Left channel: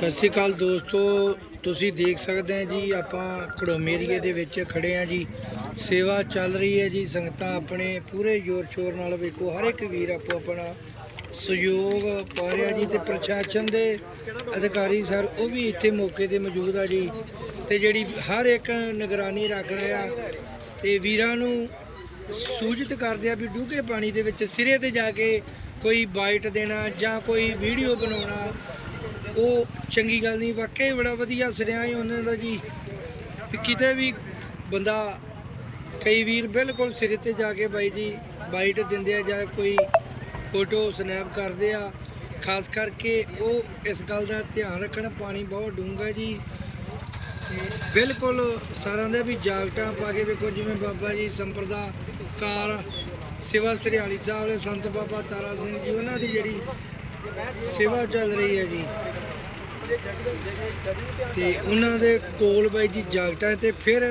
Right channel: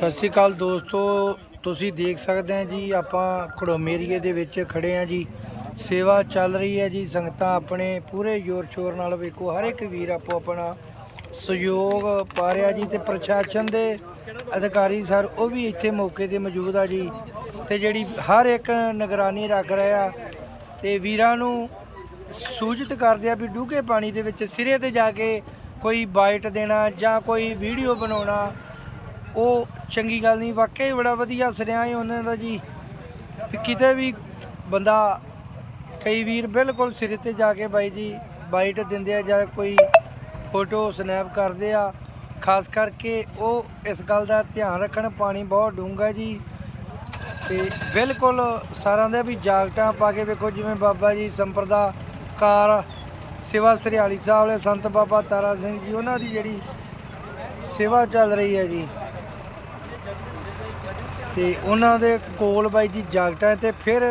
ਸਤਿ ਸ਼੍ਰੀ ਅਕਾਲ ਦੋਸਤੋ, ਤੁਸੀਂ ਦੇਖ ਸਕਦੇ ਆ ਜੀ, ਆਪਾਂ ਖੜੋਮੇ ਏਰੀਏ ਦੇ ਵਿੱਚ ਖੜੇ ਆ ਜੀ। ਸੇਵਾ ਚੱਲ ਰਹੀ ਹੈ ਜੀ, ਸੰਗਤਾਂ ਆਪਣੇ ਪੂਰੇ ਜ਼ੋਰ ਸ਼ੋਰ ਨਾਲ ਵੇਖੋ, ਹਰ ਇੱਕ ਵੀਰ ਆਪੋ ਆਪਣਾ ਸਹਿਯੋਗ ਪਾ ਰਿਹਾ ਜੀ ਤੇ ਪ੍ਰਸ਼ਾਸਨ ਦੇ ਅਧਿਕਾਰੀ ਸਰ, ਉਹ ਵੀ ਇੱਥੇ ਮੌਕੇ ਤੇ ਮੌਜੂਦ ਆ ਜੀ। ਤੇ ਜਿਹੜੀ ਹਰ ਇੱਕ ਨਿਗਰਾਨੀ ਰੱਖ ਰਿਹਾ ਤੇ ਵੀਰਾਂ ਨੂੰ ਸੂਚਿਤ ਕਰਦੇ ਆ ਵੀ ਡੂੰਘੇ ਪਾਣੀ ਦੇ ਵਿੱਚ ਸਿਰੇ ਤੇ ਜਾ ਕੇ ਕੋਈ ਬਾਈਟ ਦੇਣਾ ਜਾਂ ਕੋਈ ਵੀਡੀਓ ਬਣਾਉਣਾ ਉਹ ਚੰਗੀ ਗੱਲ ਨਹੀਂ, ਵਾਕਈ ਬੜਾ ਵਧੀਆ ਸੁਣਿਆ ਹੀ ਉਹਨਾਂ ਦਾ ਜੀ। ਕਿਤੇ ਵੀ ਬੰਦਾ, ਕਈ ਵੀਰ ਬਿਲਕੁਲ ਸਿਰੇ ਤੇ ਜਾ ਕੇ ਬਾਈ ਜੀ ਬਾਈਟ ਦਿੰਦੇ ਆ ਜਾਂ ਕੋਈ ਫੋਟੋ ਸਨੈਪ ਕਰਦੇ ਆ। ਖਾਸ ਕਰਕੇ ਉਹ ਇਸ ਗੱਲ ਦਾ ਧਿਆਨ ਰੱਖਣ, ਪਾਣੀ ਬਹੁਤ ਡੂੰਘਾ ਜੀ। ਤੇ ਬਿਲਕੁਲ ਸਾਰਿਆਂ ਦੇ ਵੀ ਜਾਗਟਾਂ ਪਾ ਕੇ ਵੇਖੋ, ਜਿਵੇਂ ਬਾਬਾ ਜੀ ਸੰਪਰਦਾ ਕਾਰ ਸੇਵਾ ਸਰਿਆਲੀ ਸਾਹਿਬ ਦੇ ਸੰਤ ਬਾਬਾ ਤਾਰਾ ਸਿੰਘ ਜੀ, ਉਹਨਾਂ ਦੀ ਜਿਹੜੀ ਸੇਵਾ ਚੱਲ ਰਹੀ ਹੈ ਜੀ। ਤੇ ਉਹਨਾਂ ਦੇ ਕੋਲ ਬਾਈ ਜੀ ਜਾਗਟਾਂ ਤੇ ਫਿਰ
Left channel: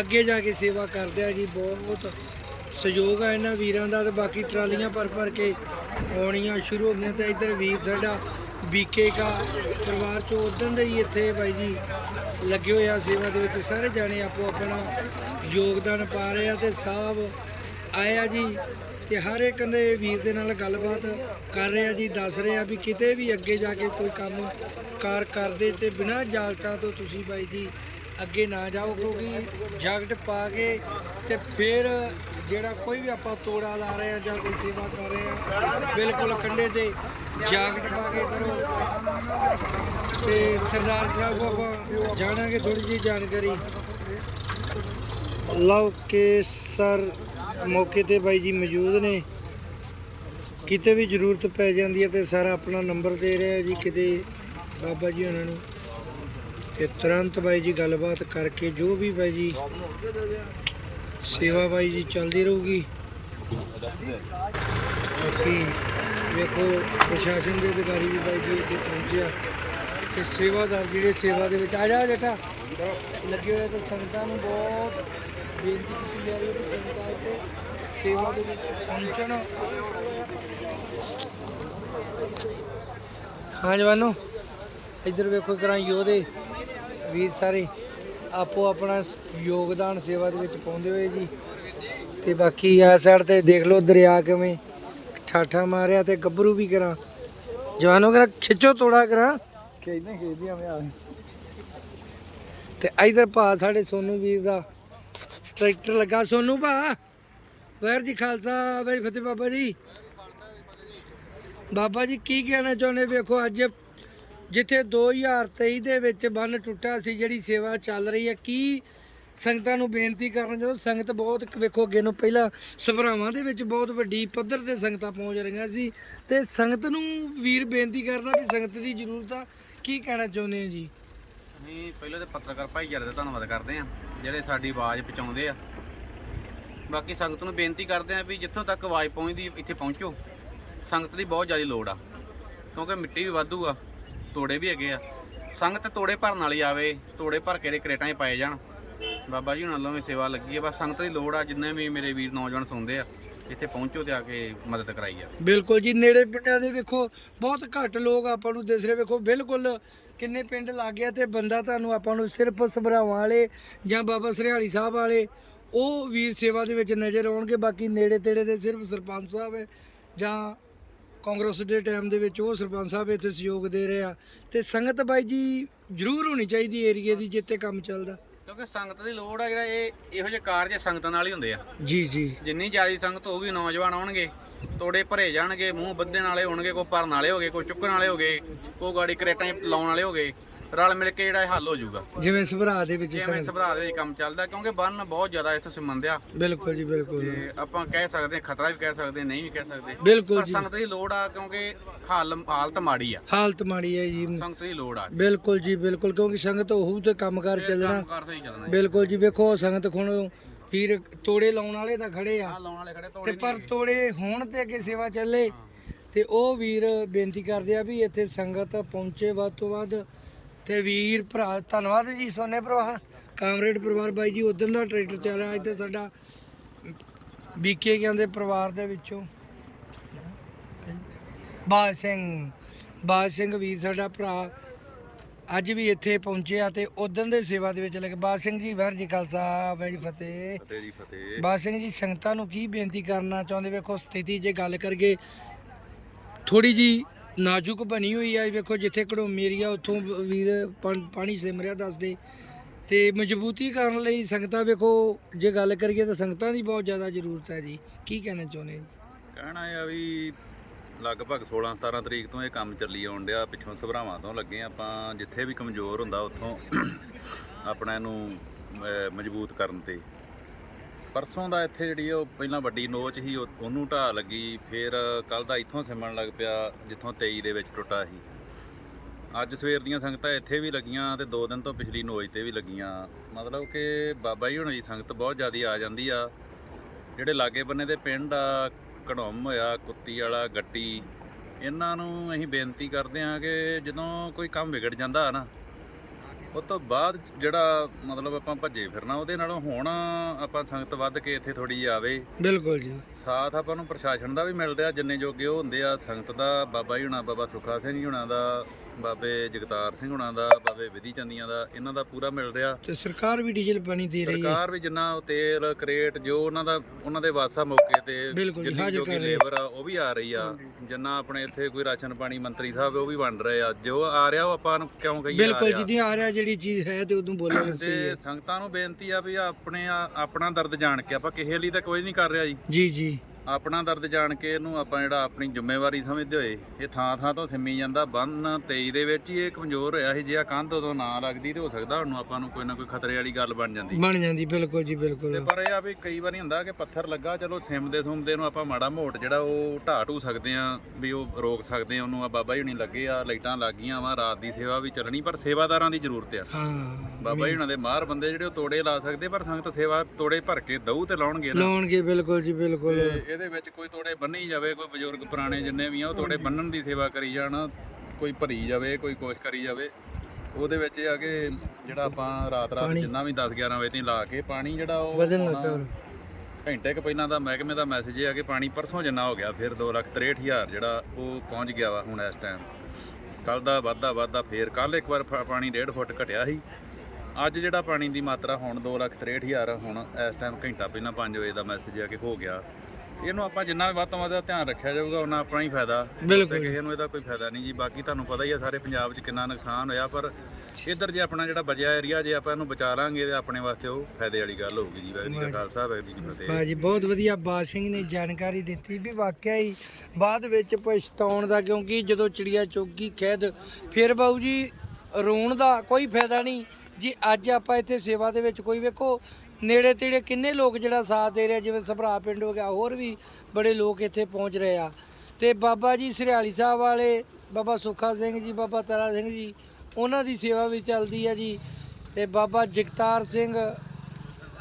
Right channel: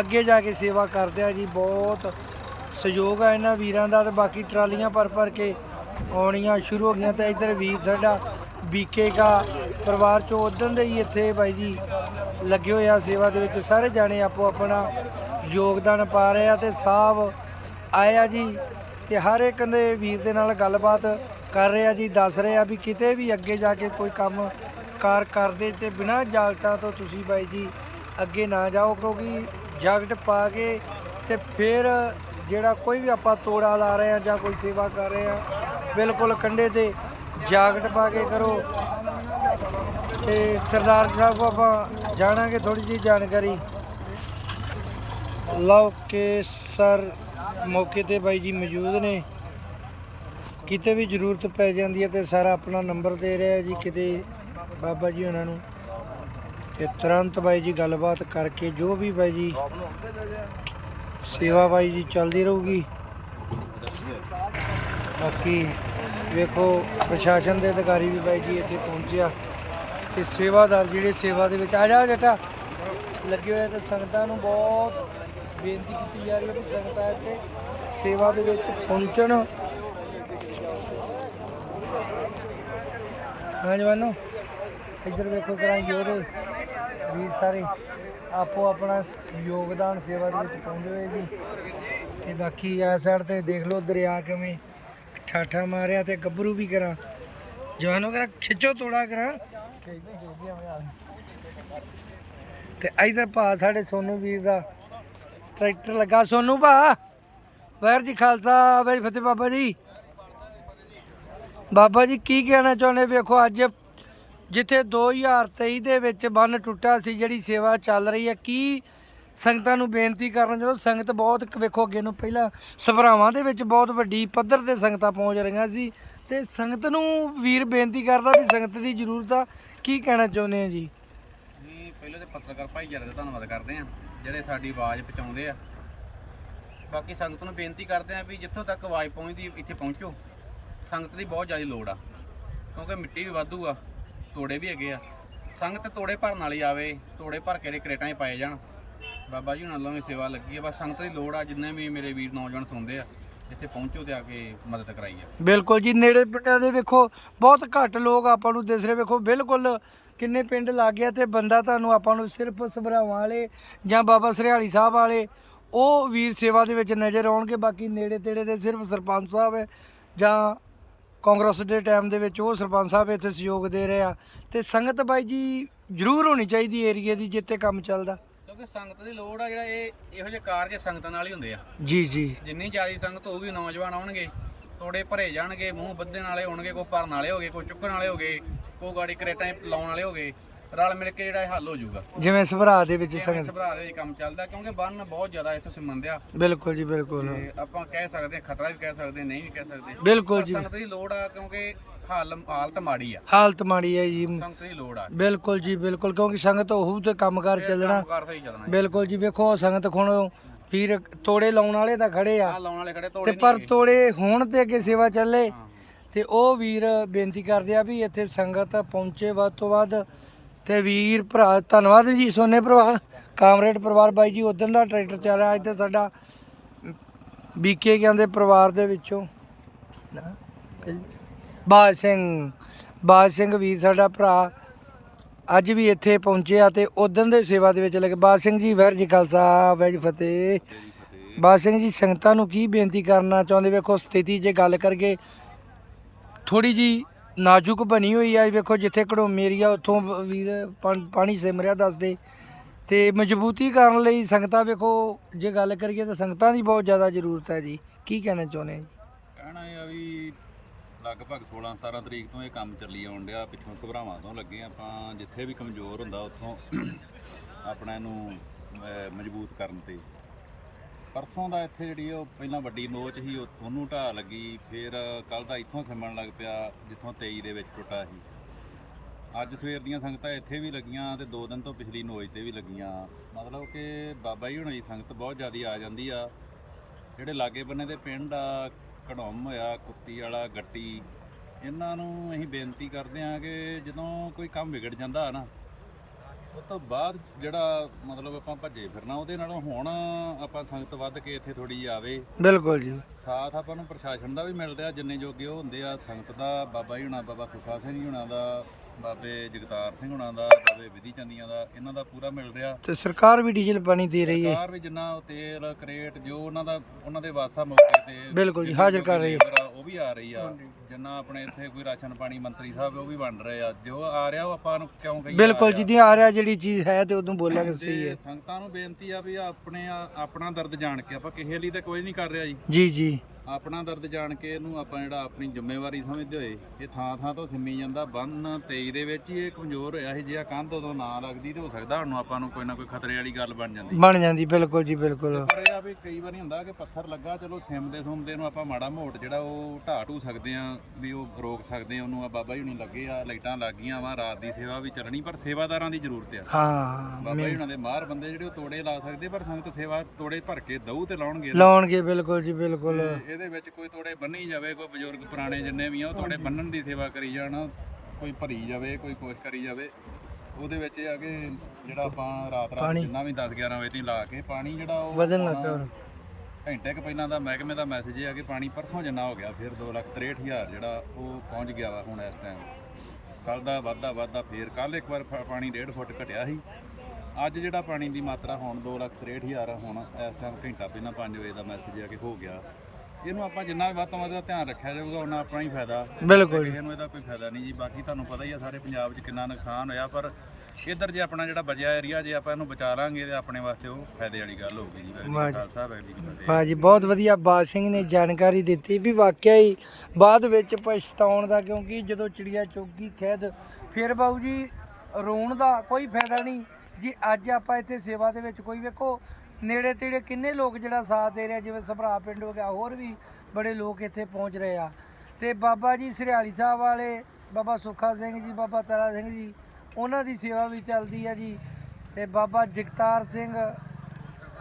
ਅੱਗੇ ਜਾ ਕੇ ਸੇਵਾ ਕਰਦੇ ਆ ਜੀ, ਬਹੁਤ ਸਹਿਯੋਗ ਆ ਇਹਨਾਂ ਵੀਰਾਂ ਦਾ ਤੇ ਬਾਕੀ ਟਰਾਲੀਆਂ ਭਰ ਭਰ ਕੇ ਆਉਣੀਆਂ ਸ਼ੁਰੂ ਹੋ ਗਈਆਂ ਤੇ ਇੱਧਰ ਵੀਰ ਸਾਡਾ ਬੀਕੇ ਕਾ ਪਰਿਵਾਰ ਚੋਂ ਉਦੋਂ ਦੇ ਹੀ ਇੱਥੇ ਬਾਈ ਜੀ ਲੱਗੇ ਹੋਏ ਆ ਸੇਵਾ ਦੇ ਵਿੱਚ, ਸਾਰੇ ਜਾਣੇ ਆਪੋ ਆਪਣਾ ਯੋਗਦਾਨ ਪਾ ਰਹੇ ਆ ਤੇ ਸਾਹਿਬ ਆਏ ਆ ਜੀ ਤੇ ਹਰ ਇੱਕ ਦੇ ਵੀਰ ਦੇ ਨਾਲ ਗੱਲਬਾਤ ਕਰ ਰਹੇ ਆ ਜੀ, ਦੱਸ ਰਹੇ ਆ ਵੀ ਕਿਤੇ ਵੀ ਅੱਗੇ ਜਾ ਕੇ ਕੋਈ ਕੰਮ ਕਾਰ ਕਰਦੇ ਤੇ ਬਿਨਾਂ ਜਾਗਟਾਂ ਤੋਂ ਤੁਸੀਂ ਬਾਈ ਜੀ ਅੱਗੇ ਨਾ ਜਾਓ, ਕਿਉਂਕਿ ਜਾਗਟ ਪਾ ਕੇ ਤੇ ਫਿਰ ਜਿਹੜਾ ਕੋਈ ਵੀ ਆਪਾਂ ਤੋੜਾ ਲਾ ਰਹੇ ਆ ਜਾਂ ਕੋਈ ਸੇਵਾ ਕਰ ਰਹੇ ਆ ਬਿਲਕੁਲ ਕੰਡੇ ਤੇ ਜਾਗਟ ਪਾ ਕੇ ਕਰੋ। ਤੇ ਸਰਦਾਰ ਸਾਹਿਬ ਕੋ ਆਪਾਂ ਜਾਣਾਂਗੇ ਥੋੜੀ ਜੀ ਜਾਣਕਾਰੀ। ਲਓ ਕੇ ਸਰ ਮੌਕੇ ਤੇ ਬਾਈ ਜੀ ਮੌਜੂਦ ਨੇ। ਕਿਤੇ ਵੀ ਜ਼ਰੂਰਤ ਪੈ ਜਾਂਦੀ ਹੈ ਤੇ ਸਾਰਾ ਆਪਣਾ ਨੰਬਰ ਦੇ ਰਿਹਾ ਜੀ, ਕਿਤੇ ਬਾਬਾ ਜੀ ਉਹਨਾਂ ਨੂੰ ਤੇ ਤੁਰੰਤ ਬਾਈ ਜੀ ਗੱਲਬਾਤ ਕਰਕੇ ਜੋ ਵੀ ਬਾਈ ਜੀ ਸੇਵਾ ਬਾਈ ਜੀ ਚੱਲਦੀ ਰਹੂਗੀ। ਬਾਕੀ ਵੇਖੋ ਪ੍ਰਸ਼ਾਸਨ ਦੇ ਅਧਿਕਾਰੀ ਵੀ ਬਾਈ ਜੀ ਇੱਥੇ ਪਹੁੰਚਿਆ ਤੇ ਸੇਵਾਦਾਰ ਜਿਹੜੇ ਸੇਵਾ ਦੇ ਵਿੱਚ ਆ ਜਾ ਜਟਾ, ਲੱਗੇ ਹੋਏ ਆ ਤੇ ਸੰਗਤਾਂ ਨੂੰ ਬਹੁਤ ਬੇਨਤੀ ਕੀਤੀ ਜਾ ਰਹੀ ਹੈ ਕਿ ਸੰਗਤਾਂ ਇੱਥੇ ਸੇਵਾ ਦੇ ਵਿੱਚ ਪਹੁੰਚਣ। ਹਾਂ ਜਵਾਨੋ ਇੱਧਰ ਵੇਖੋ ਕਰਾਂ ਯੋਧੇ ਵੀਰ ਸਾਰੇ ਆਪੋ ਆਪਣਾ ਯੋਗਦਾਨ ਸੇਵਾ ਦੇ ਵਿੱਚ ਪਾਉਂਦੇ ਹੋਏ ਜੀ। ਤੇ ਬਾਕੀ ਆ ਸਾਈਡ ਤੇ ਦੇਖ ਲਓ ਦਰਿਆ ਕਿਵੇਂ ਠਾਠਾ ਮਾਰਿਆ ਤੇ ਗੱਭਰੂ ਵੀ ਕਰਾਂ। ਜਵਾਨੋ ਕਰਾਂ ਖਿੱਚੋ ਤੋੜਾ ਕਰਾਂ। ਆਵੇਂ ਆ। ਤੇ ਇਧਰ ਭਾ ਸਾਡੇ ਸੋਨੂ ਵੀਰ ਦਾ ਟਰੈਕਟਰ ਲੱਗਾ। ਸੋਨੂ ਭਾ ਵਾਹਿਰ ਜੀ ਖਾਲਸਾ ਵਾਹਿ ਫਤਿਹ ਬਾਬਾ ਜੀ। ਬਾਬਾ ਜੀ ਕੀ ਕਹਿਣਾ ਚਾਹੁੰਦੇ? ਵੇਖੋ ਅੱਜ ਜਿੱਥੇ 2023 ਦੇ ਵਿੱਚ ਬੰਨ ਟੁੱਟਾ ਸੀ, ਜਿਹੜੀ ਸੇਵਾ ਚੱਲ ਰਹੀ ਹੈ, ਕੀ ਸੰਗਤਾਂ ਨੂੰ ਬੇਨਤੀ ਕਰਨ ਜਦੋਂ ਸੰਗਤ ਬਹੁਤ, ਵੇਖੋ ਅੱਗੇ ਨੂੰ ਪਹਿਲਾਂ ਸਭਰਾਵਾਂ ਦੇ ਵਿੱਚ ਬਹੁਤ ਵੱਡੀ ਪੱਧਰ ਤੇ ਸੰਗਤਾਂ ਪਹੁੰਚ ਰਹੀਆਂ ਸੀ ਤੇ ਸੰਗਤ ਨੂੰ ਵੀਰ ਬੇਨਤੀ ਕਰਦਾ ਵੀ ਸੰਗਤ ਦੀ ਜ਼ਰੂਰਤ ਆ, ਕੀ ਕਹਿਣਾ ਚਾਹੁੰਦੇ ਆ ਜੀ? ਅਸੀਂ ਪਹਿਲਾਂ ਤੇ ਪੱਤਰਕਾਰ ਭਾਈਚਾਰੇ ਦਾ ਧੰਨਵਾਦ ਕਰਦੇ ਹਾਂ ਜਿਹੜੇ ਸਾਡੀ ਆਵਾਜ਼ ਪਹੁੰਚਾਉਂਦੇ ਆ। ਬਾਕੀ ਸੰਗਤ ਨੂੰ ਬੇਨਤੀ ਕਰਦੇ ਆ ਵੀ ਜਿੱਥੋਂ ਤੱਕ ਆਵਾਜ਼ ਪਹੁੰਚਦੀ, ਇੱਥੇ ਪਹੁੰਚੋ। ਸੰਗਤ ਦੀ ਬਹੁਤ ਜ਼ਿਆਦਾ ਲੋੜ ਆ, ਕਿਉਂਕਿ ਮਿੱਟੀ ਵੀ ਵਾਧੂ ਆ। ਤੋੜੇ ਵੀ ਹੈਗੇ ਆ। ਸੰਗਤ ਤੋੜੇ ਭਰਨ ਵਾਲੀ ਆਵੇ, ਤੋੜੇ ਭਰ ਕੇ ਦੇ ਕਰੇਟਾਂ 'ਚ ਪਾਏ ਜਾਣ। ਬਾਬਾ ਜੀ ਹੁਣਾਂ ਵੀ ਸੇਵਾ ਲੱਗੀ ਆ। ਬਸ ਸੰਗਤ ਦੀ ਲੋੜ ਆ, ਜਿੰਨੇ ਵੀ ਮੇਰੇ ਵੀਰ ਨੌਜਵਾਨ ਸੁਣਦੇ ਆ, ਇੱਥੇ ਪਹੁੰਚੋ ਤੇ ਆ ਕੇ ਮਦਦ ਕਰਾਈ ਆ ਬਿਲਕੁਲ ਜੀ, ਨੇੜੇ ਪਿੰਡਾਂ ਦੇ ਵੇਖੋ, ਬਹੁਤ ਘੱਟ ਲੋਕ ਆਪਾਂ ਨੂੰ ਦਿਸ ਰਹੇ। ਵੇਖੋ, ਬਿਲਕੁਲ ਕਿੰਨੇ ਪਿੰਡ ਲੱਗ ਗਿਆ ਤੇ ਬੰਦਾ ਤੁਹਾਨੂੰ ਆਪਾਂ ਨੂੰ ਸਿਰਫ ਸਭਰਾਵਾਂ ਵਾਲੇ ਜਾਂ ਬਾਬਾ ਸਰਿਆਲੀ ਸਾਹਿਬ ਵਾਲੇ, ਉਹ ਵੀਰ ਸੇਵਾ ਦੇ ਵਿੱਚ ਨਜ਼ਰ ਆਉਣਗੇ। ਬਾਕੀ ਨੇੜੇ ਤੇੜੇ ਦੇ ਸਿਰਫ ਸਰਪੰਚ ਸਾਹਿਬ ਜਾਂ ਕਾਂਗਰਸ ਦੇ ਟਾਈਮ ਦੇ ਵਿੱਚ ਉਹ ਸਰਪੰਚ ਸਾਹਿਬ ਇੱਥੇ ਸਹਿਯੋਗ ਦੇ ਰਹੇ ਆ। ਤੇ ਸੰਗਤ ਬਾਈ ਜੀ ਜ਼ਰੂਰ ਹੋਣੀ ਚਾਹੀਦੀ ਏਰੀਏ ਦੀ ਜਿੱਥੇ ਕੰਮ ਚੱਲਦਾ। ਕਿਉਂਕਿ ਸੰਗਤ ਦੀ ਲੋੜ ਆ ਜਿਹੜਾ ਇਹ ਇਹੋ ਜਿਹੇ ਕਾਰਜ ਸੰਗਤਾਂ ਨਾਲ ਹੀ ਹੁੰਦੇ ਆ। ਜੀ ਜੀ। ਜਿੰਨੀ ਜ਼ਿਆਦਾ ਸੰਗਤ ਹੋਊਗੀ ਨੌਜਵਾਨ ਆਉਣਗੇ ਤੋੜੇ ਭਰੇ ਜਾਣਗੇ ਮੂੰਹ ਬੱਧਣ ਵਾਲੇ ਹੋਣਗੇ ਕੋਈ ਭਰਨ ਵਾਲੇ ਹੋਗੇ ਕੋਈ ਚੁੱਕਣ ਵਾਲੇ ਹੋਗੇ ਕੋਈ ਗਾੜੀ ਕਰੇਟਾਂ 'ਚ ਲਾਉਣ ਵਾਲੇ ਹੋਗੇ ਰਲ ਮਿਲ ਕੇ ਜਿਹੜਾ ਇਹ ਹੱਲ ਹੋ ਜਾਊਗਾ। ਜਿਵੇਂ ਸਭਰਾ ਦੇ ਵਿੱਚ ਜਿਵੇਂ ਸਭਰਾ ਦੇ ਵਿੱਚ ਕੰਮ ਚੱਲਦਾ ਕਿਉਂਕਿ ਬੰਨ ਬਹੁਤ ਜ਼ਿਆਦਾ ਇੱਥੇ ਸੰਬੰਧਿਆ ਬਿਲਕੁਲ ਜੀ ਬਿਲਕੁਲ। ਤੇ ਆਪਾਂ ਕਹਿ ਸਕਦੇ ਹਾਂ ਖਤਰਾ ਵੀ ਕਹਿ ਸਕਦੇ ਹਾਂ, ਨਹੀਂ ਵੀ ਕਹਿ ਸਕਦੇ। ਬਿਲਕੁਲ ਪਰ ਜੀ। ਸੰਗਤ ਦੀ ਲੋੜ ਆ ਕਿਉਂਕਿ ਹਾਲ ਹਾਲਤ ਮਾੜੀ ਆ। ਹਾਲਤ ਮਾੜੀ ਹੈ ਜੀ। ਸੰਗਤ ਦੀ ਲੋੜ ਆ। ਬਿਲਕੁਲ ਜੀ ਬਿਲਕੁਲ ਕਿਉਂਕਿ ਸੰਗਤ ਹੋਊ ਤੇ ਕੰਮਕਾਰ ਚੱਲਣਾ। ਕੰਮਕਾਰ ਸਹੀ ਚੱਲਣਾ ਬਿਲਕੁਲ ਜੀ ਵੇਖੋ ਸੰਗਤ ਖੁਣ ਵੀਰ ਤੋੜੇ ਲਾਉਣ ਵਾਲੇ ਤਾਂ ਖੜੇ ਆ। ਆ ਲਾਉਣ ਵਾਲੇ ਖੜੇ ਤੇ ਪਰ ਨਹੀਂ ਤੋੜੇ ਹੋਣ ਤੇ ਅੱਗੇ ਸੇਵਾ ਚੱਲੇ। ਤੇ ਉਹ ਵੀਰ ਬੇਨਤੀ ਕਰਦੇ ਆ ਵੀ ਇੱਥੇ ਸੰਗਤ ਪਹੁੰਚੇ ਵੱਧ ਤੋਂ ਵੱਧ। ਤੇ ਵੀਰ ਭਰਾ ਧੰਨਵਾਦ ਜੀ ਸੋਨੇ ਪਰਿਵਾਰ ਕਾਮਰੇਡ ਪਰਿਵਾਰ। ਬਾਈ ਜੀ ਉਦੋਂ ਦਾ ਟਰੈਕਟਰ ਚੱਲ ਰਿਹਾ ਅੱਜ ਤੇ ਸਾਡਾ ਬੀਕੇ ਕਹਿੰਦੇ ਪਰਿਵਾਰ ਦੇ ਵਿੱਚੋਂ। ਬਾਜ ਸਿੰਘ ਬਾਜ ਸਿੰਘ ਵੀਰ ਸਾਡਾ ਭਰਾ ਅੱਜ ਵੀ ਇੱਥੇ ਪਹੁੰਚੇ ਆ ਤੇ ਉਦੋਂ ਦੇ ਸੇਵਾ ਦੇ ਵਿੱਚ ਲੱਗੇ। ਬਾਦ ਸਿੰਘ ਜੀ ਵੈਰ ਜੀ ਖਾਲਸਾ ਵੈਰ ਜੀ ਫਤਿਹ। ਫਤਿਹ ਜੀ ਫਤਿਹ। ਬਾਦ ਸਿੰਘ ਜੀ ਸੰਗਤਾਂ ਨੂੰ ਕੀ ਬੇਨਤੀ ਕਰਨਾ ਚਾਹੁੰਦੇ? ਵੇਖੋ ਸਥਿਤੀ ਜੇ ਗੱਲ ਕਰਗੇ ਥੋੜੀ ਜੀ ਨਾਜ਼ੁਕ ਬਣੀ ਹੋਈ ਆ। ਵੇਖੋ ਜਿੱਥੇ ਘੜੋਮੇਰੀ ਏਰੀਆ ਉੱਥੋਂ ਵੀਰ ਪਾਣੀ ਪਾਣੀ ਸਿਮਰਿਆ ਦੱਸਦੇ। ਤੇ ਮਜ਼ਬੂਤੀ ਕਰਨ ਲਈ ਸੰਗਤਾਂ ਵੇਖੋ, ਜੇ ਗੱਲ ਕਰੀਏ ਤਾਂ ਸੰਗਤਾਂ ਦੀ ਬਹੁਤ ਜ਼ਿਆਦਾ ਜ਼ਰੂਰਤ ਹੈ ਜੀ। ਕੀ ਕਹਿਣਾ ਚਾਹੁੰਦੇ ਕਹਿਣਾ ਆ ਵੀ ਲਗਭਗ 16 17 ਤਰੀਕ ਤੋਂ ਇਹ ਕੰਮ ਚੱਲੀ ਆਉਣ ਡਿਆ, ਪਿੱਛੋਂ ਸਭਰਾਵਾਂ ਤੋਂ ਲੱਗੇ ਆਪਾਂ, ਜਿੱਥੇ ਵੀ ਕਮਜ਼ੋਰ ਹੁੰਦਾ ਉੱਥੋਂ ਆਪਣਾ ਇਹਨੂੰ ਮਜ਼ਬੂਤ ਕਰਨ ਤੇ। ਪਰਸੋਂ ਦਾ ਇੱਥੇ ਜਿਹੜੀ ਉਹ ਪਹਿਲਾਂ ਵੱਡੀ ਨੋਚ ਸੀ, ਉਹ- ਉਹਨੂੰ ਢਾਹ ਲੱਗੀ, ਫਿਰ ਕੱਲ ਦਾ ਇੱਥੋਂ ਸਿਮਣ ਲੱਗ ਪਿਆ, ਜਿੱਥੋਂ 23 ਦੇ ਵਿੱਚ ਟੁੱਟਾ ਸੀ। ਅੱਜ ਸਵੇਰ ਦੀਆਂ ਸੰਗਤਾਂ ਇੱਥੇ ਵੀ ਲੱਗੀਆਂ ਤੇ ਦੋ ਦਿਨ ਤੋਂ ਪਿਛਲੀ ਨੋਚ ਤੇ ਵੀ ਲੱਗੀਆਂ। ਮਤਲਬ ਕਿ ਬਾਬਾ ਜੀ ਹੁਣਾਂ ਦੀ ਸੰਗਤ ਬਹੁਤ ਜ਼ਿਆਦਾ ਆ ਜਾਂਦੀ ਆ। ਜਿਹੜੇ ਲਾਗੇ ਬੰਨੇ ਦੇ ਪਿੰਡ ਆ, ਘੜੋਮ ਹੋਇਆ, ਕੁੱਤੀ ਵਾਲਾ, ਗੱਟੀ, ਇਹਨਾਂ ਨੂੰ ਅਸੀਂ ਬੇਨਤੀ ਕਰਦੇ ਹਾਂ ਕਿ ਜਦੋਂ ਕੋਈ ਕੰਮ ਵਿਗੜ ਜਾਂਦਾ ਆ ਨਾ ਉਹ ਤੋਂ ਬਾਅਦ ਜਿਹੜਾ ਮਤਲਬ ਆਪਾਂ ਭੱਜੇ ਫਿਰਨਾ ਉਹਦੇ ਨਾਲੋਂ ਹੁਣ ਆਪਾਂ ਸੰਗਤ ਵੱਧ ਕੇ ਇੱਥੇ ਥੋੜੀ ਆਵੇ। ਬਿਲਕੁਲ ਜੀ। ਸਾਥ ਆਪਾਂ ਨੂੰ ਪ੍ਰਸ਼ਾਸਨ ਦਾ ਵੀ ਮਿਲ ਰਿਹਾ ਜਿੰਨੇ ਜੋਗੇ ਉਹ ਹੁੰਦੇ ਆ ਸੰਗਤ ਦਾ ਬਾਬਾ ਜੀ ਹੁਣਾਂ ਬਾਬਾ ਸੁਖਾ ਸਿੰਘ ਜੀ ਹੁਣਾਂ ਦਾ ਬਾਬੇ ਜਗਤਾਰ ਸਿੰਘ ਹੁਣਾਂ ਦਾ ਬਾਬੇ ਵਿਧੀ ਚੰਦੀਆਂ ਦਾ ਇਹਨਾਂ ਦਾ ਪੂਰਾ ਮਿਲ ਰਿਹਾ। ਤੇ ਸਰਕਾਰ ਵੀ ਡੀਜ਼ਲ ਪਾਣੀ ਦੇ ਰਹੀ ਹੈ। ਸਰਕਾਰ ਵੀ ਜਿੰਨਾ ਉਹ ਤੇਲ ਕਰੇਟ ਜੋ ਉਹਨਾਂ ਦਾ ਉਹਨਾਂ ਦੇ ਵਾਸਾ ਮੌਕੇ ਤੇ ਬਿਲਕੁਲ ਜੀ, ਜਿੰਨੀ ਹਾਜ਼ਰ ਕਰ ਰਹੇ ਆ। ਉਹ ਵੀ ਆ ਰਹੀ ਆ। ਜਿੰਨਾ ਆਪਣੇ ਇੱਥੇ ਕੋਈ ਰਾਸ਼ਨ ਪਾਣੀ ਮੰਤਰੀ ਸਾਹਿਬ ਉਹ ਵੀ ਵੰਡ ਰਹੇ ਆ। ਜੋ ਆ ਰਿਹਾ ਉਹ ਆਪਾਂ ਨੂੰ ਕਿਉਂ ਕਹੀਏ ਆ ਬਿਲਕੁਲ ਰਿਹਾ। ਆ ਰਿਹਾ ਜਿਹੜੀ ਚੀਜ਼ ਹੈ ਤੇ ਉਦੋਂ ਬੋਲਾਂਗੇ ਸਹੀ ਤੇ ਹੈ। ਸੰਗਤਾਂ ਨੂੰ ਬੇਨਤੀ ਆ ਵੀ ਆਪਣੇ ਆ- ਆਪਣਾ ਦਰਦ ਜਾਣ ਕੇ ਆਪਾਂ ਕਿਸੇ ਲਈ ਤਾਂ ਕੋਈ ਨਹੀਂ ਕਰ ਰਿਹਾ ਜੀ। ਜੀ ਜੀ। ਆਪਣਾ ਦਰਦ ਜਾਣ ਕੇ ਇਹਨੂੰ ਆਪਾਂ ਜਿਹੜਾ ਆਪਣੀ ਜ਼ਿੰਮੇਵਾਰੀ ਸਮਝਦੇ ਹੋਏ ਇਹ ਥਾਂ ਥਾਂ ਤੋਂ ਸਿੰਮੀ ਜਾਂਦਾ। ਬੰਨ 23 ਦੇ ਵਿੱਚ ਹੀ ਇਹ ਕਮਜ਼ੋਰ ਹੋਇਆ ਸੀ ਜੇ ਆ ਕੰਧ ਉਦੋਂ ਨਾ ਲੱਗਦੀ ਤੇ ਹੋ ਸਕਦਾ ਉਹਨੂੰ ਆਪਾਂ ਨੂੰ ਕੋਈ ਨਾ ਕੋਈ ਖਤਰੇ ਵਾਲੀ ਗੱਲ ਬਣ ਜਾਂਦੀ। ਬਣ ਜਾਂਦੀ ਬਿਲਕੁਲ ਜੀ ਬਿਲਕੁਲ। ਪਰ ਇਹ ਆ ਵੀ ਕਈ ਵਾਰੀ ਹੁੰਦਾ ਕਿ ਪੱਥਰ ਲੱਗਾ ਚਲੋ ਸਿਮਦੇ ਸੁਮਦੇ ਨੂੰ ਆਪਾਂ ਮਾੜਾ ਮੋਟ ਜਿਹੜਾ ਉਹ ਢਾਹ ਢੂ ਸਕਦੇ ਆ ਵੀ ਉਹ ਰੋਕ ਸਕਦੇ ਆ ਉਹਨੂੰ ਆ ਬਾਬਾ ਜੀ ਹੁਣੀ ਲੱਗੇ ਆ ਲਾਈਟਾਂ ਲੱਗ ਗਈਆਂ ਵਾ ਰਾਤ ਦੀ ਸੇਵਾ ਵੀ ਚੱਲਣੀ ਪਰ ਸੇਵਾਦਾਰਾਂ ਦੀ ਜ਼ਰੂਰਤ ਆ। ਹਾਂ ਬਾਬਾ ਜੀ ਹੁਣਾਂ ਦੇ ਮਾਹਰ ਬੰਦੇ ਜਿਹੜੇ ਉਹ ਤੋੜੇ ਲਾ ਸਕਦੇ ਪਰ ਸੰਗਤ ਸੇਵਾ ਤੋੜੇ ਭਰ ਕੇ ਦਊ ਤੇ ਲਾਉਣਗੇ ਲਾਉਣਗੇ ਬਿਲਕੁਲ ਜੀ ਬਿਲਕੁਲ। ਇਹਦੇ ਵਿੱਚ ਕੋਈ ਤੋੜੇ ਬੰਨੀ ਜਾਵੇ ਕੋਈ ਬਜ਼ੁਰਗ ਪੁਰਾਣੇ ਜਿੰਨੇ ਵੀ ਆ ਉਹ ਤੋੜੇ ਬੰਨਣ ਦੀ ਸੇਵਾ ਕਰੀ ਜਾਣ ਕੋਈ ਭਰੀ ਜਾਵੇ ਕੋਈ ਕੁਛ ਕਰੀ ਜਾਵੇ। ਉਹਦੇ ਵਿੱਚ ਇਹ ਆ ਕਿ ਜਿਹੜਾ ਆਪਾਂ ਰਾਤ ਰਾਤ। ਜਿੰਨਾ ਵੀ 10 11 ਵਜੇ ਤਾਈਂ ਲਾ ਕੇ ਪਾਣੀ ਜਿਹੜਾ ਉਹ ਵਧਣ ਲੱਗਾ। ਘੰਟੇ ਕੁ ਪਹਿਲਾਂ ਦਾ ਮਹਿਕਮੇ ਦਾ ਮੈਸੇਜ ਇਹ ਆ ਕਿ ਪਾਣੀ ਪਰਸੋਂ ਜਿੰਨਾ ਹੋ ਗਿਆ ਫਿਰ 263000 ਜਿਹੜਾ ਉਹ ਪਹੁੰਚ ਗਿਆ ਵਾ ਹੁਣ ਇਸ ਟਾਈਮ ਕੱਲ ਦਾ ਵਾਧਾ ਵਾਧਾ ਫੇਰ ਕੱਲ ਇੱਕ ਵਾਰ ਪਾਣੀ 1.5 ਫੁੱਟ ਘਟਿਆ ਸੀ। ਅੱਜ ਜਿਹੜਾ ਪਾਣੀ ਦੀ ਮਾਤਰਾ ਹੁਣ 263000 ਹੁਣ ਇਸ ਟਾਈਮ ਘੰਟਾ ਪਹਿਲਾਂ 5 ਵਜੇ ਦਾ ਮੈਸੇਜ ਆ ਕਿ ਹੋ ਗਿਆ। ਇਹਨੂੰ ਆਪਾਂ ਜਿੰਨਾ ਵੀ ਵੱਧ ਤੋਂ ਵੱਧ ਧਿਆਨ ਰੱਖਿਆ ਜਾਊਗਾ ਉਹਨਾਂ ਆਪਣਾ ਹੀ ਫਾਇਦਾ। ਬਿਲਕੁਲ। ਕਿਸੇ ਨੂੰ ਇਹਦਾ ਕੋਈ ਫਾਇਦਾ ਨਹੀਂ ਜੀ। ਬਾਕੀ ਤੁਹਾਨੂੰ ਪਤਾ ਹੀ ਆ ਸਾਰੇ ਪੰਜਾਬ 'ਚ ਕਿੰਨਾ ਨੁਕਸਾਨ ਹੋਇਆ ਪਰ ਇੱਧਰ ਜੇ ਆਪਣਾ ਜਿਹੜਾ ਬਚਿਆ ਏਰੀਆ ਜੇ ਆਪਾਂ ਇਹਨੂੰ ਬਚਾ ਲਾਂਗੇ ਤੇ ਆਪਣੇ ਵਾਸਤੇ ਉਹ ਫਾਇਦੇ ਵਾਲੀ ਗੱਲ ਹੋਊਗੀ ਜੀ। ਜੀ ਕਾ ਖਾਲਸਾ ਵਾਹਿਗੁਰੂ ਜੀ ਫਤਿਹ। ਹਾਂ ਜੀ ਬਹੁਤ ਵਧੀਆ। ਬਾਦ ਸਿੰਘ ਨੇ ਜਾਣਕਾਰੀ ਦਿੱਤੀ ਵੀ ਵਾਕਿਆ ਹੀ ਬਾਅਦ ਵਿੱਚ ਪਛਤਾਉਣ ਦਾ ਕਿਉਂਕਿ ਜਦੋਂ ਚਿੜੀਆ ਚੋਗੀ ਖੈਦ ਫਿਰ ਬਾਊ ਜੀ ਰੋਣ ਦਾ ਕੋਈ ਫਾਇਦਾ ਨਹੀਂ। ਜੀ ਅੱਜ ਆਪਾਂ ਇੱਥੇ ਸੇਵਾ ਦੇ ਵਿੱਚ ਕੋਈ ਵੇਖੋ ਨੇੜੇ ਤੇੜੇ ਕਿੰਨੇ ਲੋਕ ਜਿਹੜਾ ਸਾਥ ਦੇ ਰਿਹਾ, ਜਿਵੇਂ ਸਭਰਾ ਪਿੰਡ ਹੋ ਗਿਆ, ਹੋਰ ਵੀ ਬੜੇ ਲੋਕ ਇੱਥੇ ਪਹੁੰਚ ਰਹੇ ਆ। ਤੇ ਬਾਬਾ ਜੀ ਸਰਿਆਲੀ ਸਾਹਿਬ ਵਾਲੇ, ਬਾਬਾ ਸੁੱਖਾ ਸਿੰਘ ਜੀ, ਬਾਬਾ ਤਾਰਾ ਸਿੰਘ ਜੀ, ਉਹਨਾਂ ਦੀ ਸੇਵਾ ਵੀ ਚੱਲਦੀ ਆ ਜੀ। ਤੇ ਬਾਬਾ ਜਗਤਾਰ ਸਿੰਘ,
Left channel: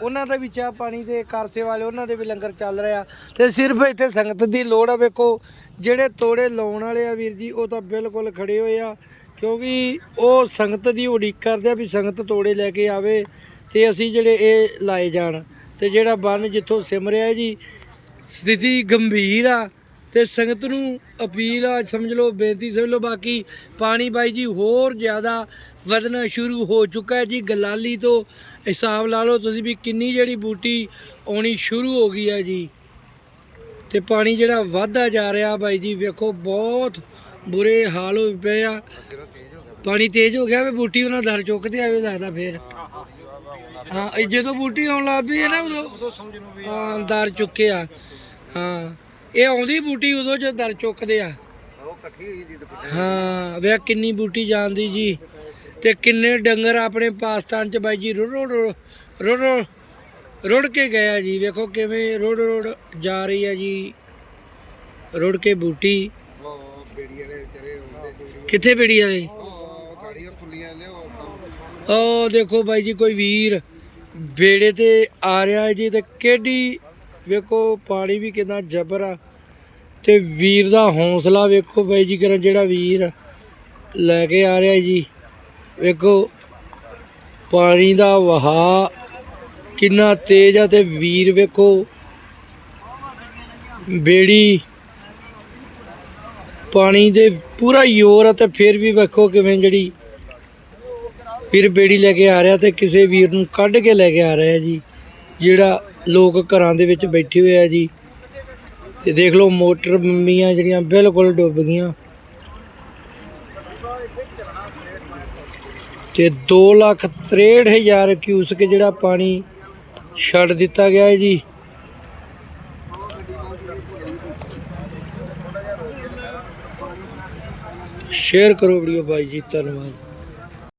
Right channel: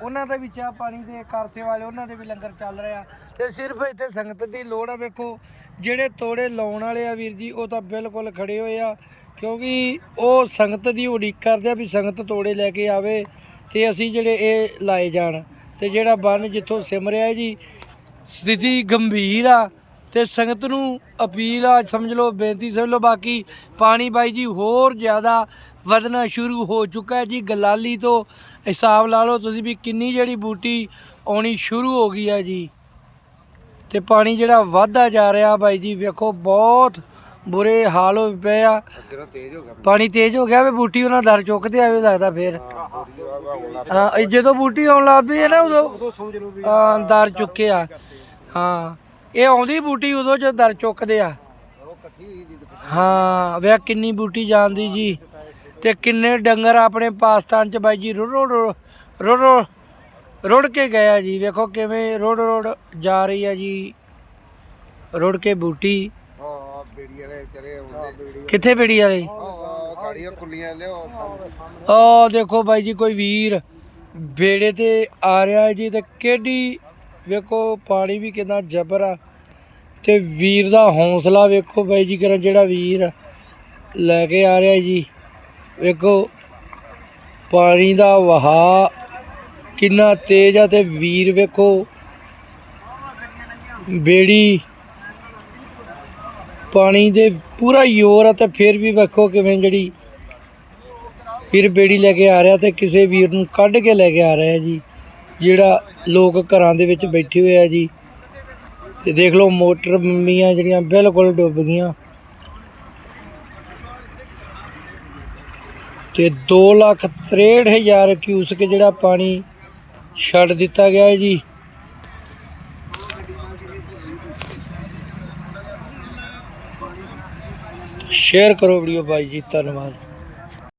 ਉਹਨਾਂ ਦਾ ਵੀ ਚਾਹ ਪਾਣੀ ਦੇ ਕਾਰਸੇ ਵਾਲੇ, ਉਹਨਾਂ ਦੇ ਵੀ ਲੰਗਰ ਚੱਲ ਰਿਹਾ ਤੇ ਸਿਰਫ ਇੱਥੇ ਸੰਗਤ ਦੀ ਲੋੜ ਆ, ਵੇਖੋ, ਜਿਹੜੇ ਤੋੜੇ ਲਾਉਣ ਵਾਲੇ ਆ ਵੀਰ ਜੀ, ਉਹ ਤਾਂ ਬਿਲਕੁਲ ਖੜੇ ਹੋਏ ਆ। ਕਿਉਂਕਿ ਉਹ ਸੰਗਤ ਦੀ ਉਡੀਕ ਕਰਦੇ ਆ ਵੀ ਸੰਗਤ ਤੋੜੇ ਲੈ ਕੇ ਆਵੇ। ਤੇ ਅਸੀਂ ਜਿਹੜੇ ਇਹ ਲਾਏ ਜਾਣ ਤੇ ਜਿਹੜਾ ਬੰਨ ਜਿੱਥੋਂ ਸਿਮਰਿਆ ਜੀ ਸਥਿਤੀ ਗੰਭੀਰ ਆ ਤੇ ਸੰਗਤ ਨੂੰ ਅਪੀਲ ਆ ਸਮਝ ਲਓ ਬੇਨਤੀ ਸਮਝ ਲਓ ਬਾਕੀ ਪਾਣੀ ਬਾਈ ਜੀ ਹੋਰ ਜ਼ਿਆਦਾ ਵਧਣਾ ਸ਼ੁਰੂ ਹੋ ਚੁੱਕਾ ਹੈ ਜੀ ਗਲਾਲੀ ਤੋਂ ਹਿਸਾਬ ਲਾ ਲਓ ਤੁਸੀਂ ਵੀ ਕਿੰਨੀ ਜਿਹੜੀ ਬੂਟੀ ਆਉਣੀ ਸ਼ੁਰੂ ਹੋ ਗਈ ਹੈ ਜੀ। ਤੇ ਪਾਣੀ ਜਿਹੜਾ ਵੱਧਦਾ ਜਾ ਰਿਹਾ ਬਾਈ ਜੀ ਵੇਖੋ ਬਹੁਤ ਬੁਰੇ ਹਾਲ ਹੋਏ ਪਏ ਆ। ਪਾਣੀ ਤੇਜ਼ ਹੋ ਗਿਆ ਵੀ ਬੂਟੀ ਉਹਨਾਂ ਦਰ ਚੁੱਕਦੇ ਆਵੇ ਲੱਗਦਾ ਫੇਰ। ਹਾਂ ਇਹ ਜਦੋਂ ਬੂਟੀ ਆਉਣ ਲੱਗ ਪਈ ਹੈ ਨਾ ਉਦੋਂ ਹਾਂ ਦਰ ਚੁੱਕੇ ਆ। ਹਾਂ ਇਹ ਆਉਂਦੀ ਬੂਟੀ ਉਦੋਂ ਜਦੋਂ ਦਰ ਚੁੱਕਦੇ ਆ। ਹਾਂ ਵੇ ਕਿੰਨੀ ਬੂਟੀ ਜਾਂਦੀ ਜੀ। ਤੇ ਕਿੰਨੇ ਡੰਗਰ ਆਪਣੇ ਪਾਕਿਸਤਾਨ ਚ ਬਾਈ ਜੀ ਰੁੜ ਰੁੜ ਰੁੜ ਰੁੜ ਰੁੜ ਕੇ ਗਿਆ ਜੀ। ਵੇਖੋ ਕਿਵੇਂ ਰੁੜ ਰੁੜ ਜਾ ਰਹੀ ਹੈ ਜੀ। ਰੁੜ ਕੇ ਬੂਟੀ। ਹਾਂ ਬੇੜੀ ਵਾਲੇ ਵਿਚਾਰੇ ਆਉਂਦੇ। ਕਿੱਥੇ ਬੇੜੀ ਵਾਲੇ? ਹਾਂ ਸਾੜੀਆਂ ਕੁੱਲੀਆਂ ਲਿਓ ਸਾਹਮਣੇ ਉਹ ਦੇਖੋ ਬਾਈ ਜੀ, ਕੋਈ ਵੀਰ ਬੇੜੇ ਤੇ ਆ ਰਿਹਾ ਹੈ ਜੀ ਤੇ ਕਿਹੜੀ, ਵੇਖੋ ਪਾਣੀ ਵੀ ਕਿੰਨਾ ਜ਼ਬਰ ਆ। ਤੇ ਵੀਰ ਦਾ ਹੌਸਲਾ ਵੇਖੋ ਬਾਈ ਜੀ ਕਰਨ ਜਿਹੜਾ ਵੀਰ ਲੈ ਕੇ ਆ ਰਿਹਾ ਜੀ। ਵੇਖੋ, ਪਾਣੀ ਦਾ ਵਹਾ ਕਿੰਨਾ ਤੇਜ਼ ਆ ਤੇ ਵੀਰ ਵੇਖੋ, ਬੇੜੀ ਪਾਣੀ ਦੇ ਪੂਰਾ ਜ਼ੋਰ ਆ ਤੇ ਫਿਰ ਵੀ ਵੇਖੋ ਕਿਵੇਂ ਜਿਹੜੀ ਵੀਰ ਬੇੜੀ ਲੈ ਕੇ ਆ ਰਿਹਾ ਤੇ ਕਿਸੇ ਵੀਰ ਨੂੰ ਕੱਢ ਕੇ ਲੈ ਕੇ ਆ ਰਿਹਾ ਜੀ, ਜਿਹੜਾ ਲੋਕ ਘਰਾਂ ਦੇ ਵਿੱਚ ਬੈਠੇ ਹੋਏ ਆ ਜੀ। ਤੇ ਦੇਖ ਲਓ ਮੋਟਰ ਬੰਬੀਆਂ ਜਿਹੜੀਆਂ ਬਿਲਕੁਲ ਡੁੱਬ ਗਈਆਂ। ਤੇ 2 ਲੱਖ 63 ਹਜ਼ਾਰ ਕਿਊਸਕ ਜਿਹੜਾ ਪਾਣੀ ਛੱਡ ਦਿੱਤਾ ਗਿਆ ਹੈ ਜੀ। ਸ਼ੇਅਰ ਕਰੋ ਵੀਡੀਓ ਬਾਈ ਜੀ, ਧੰਨਵਾਦ।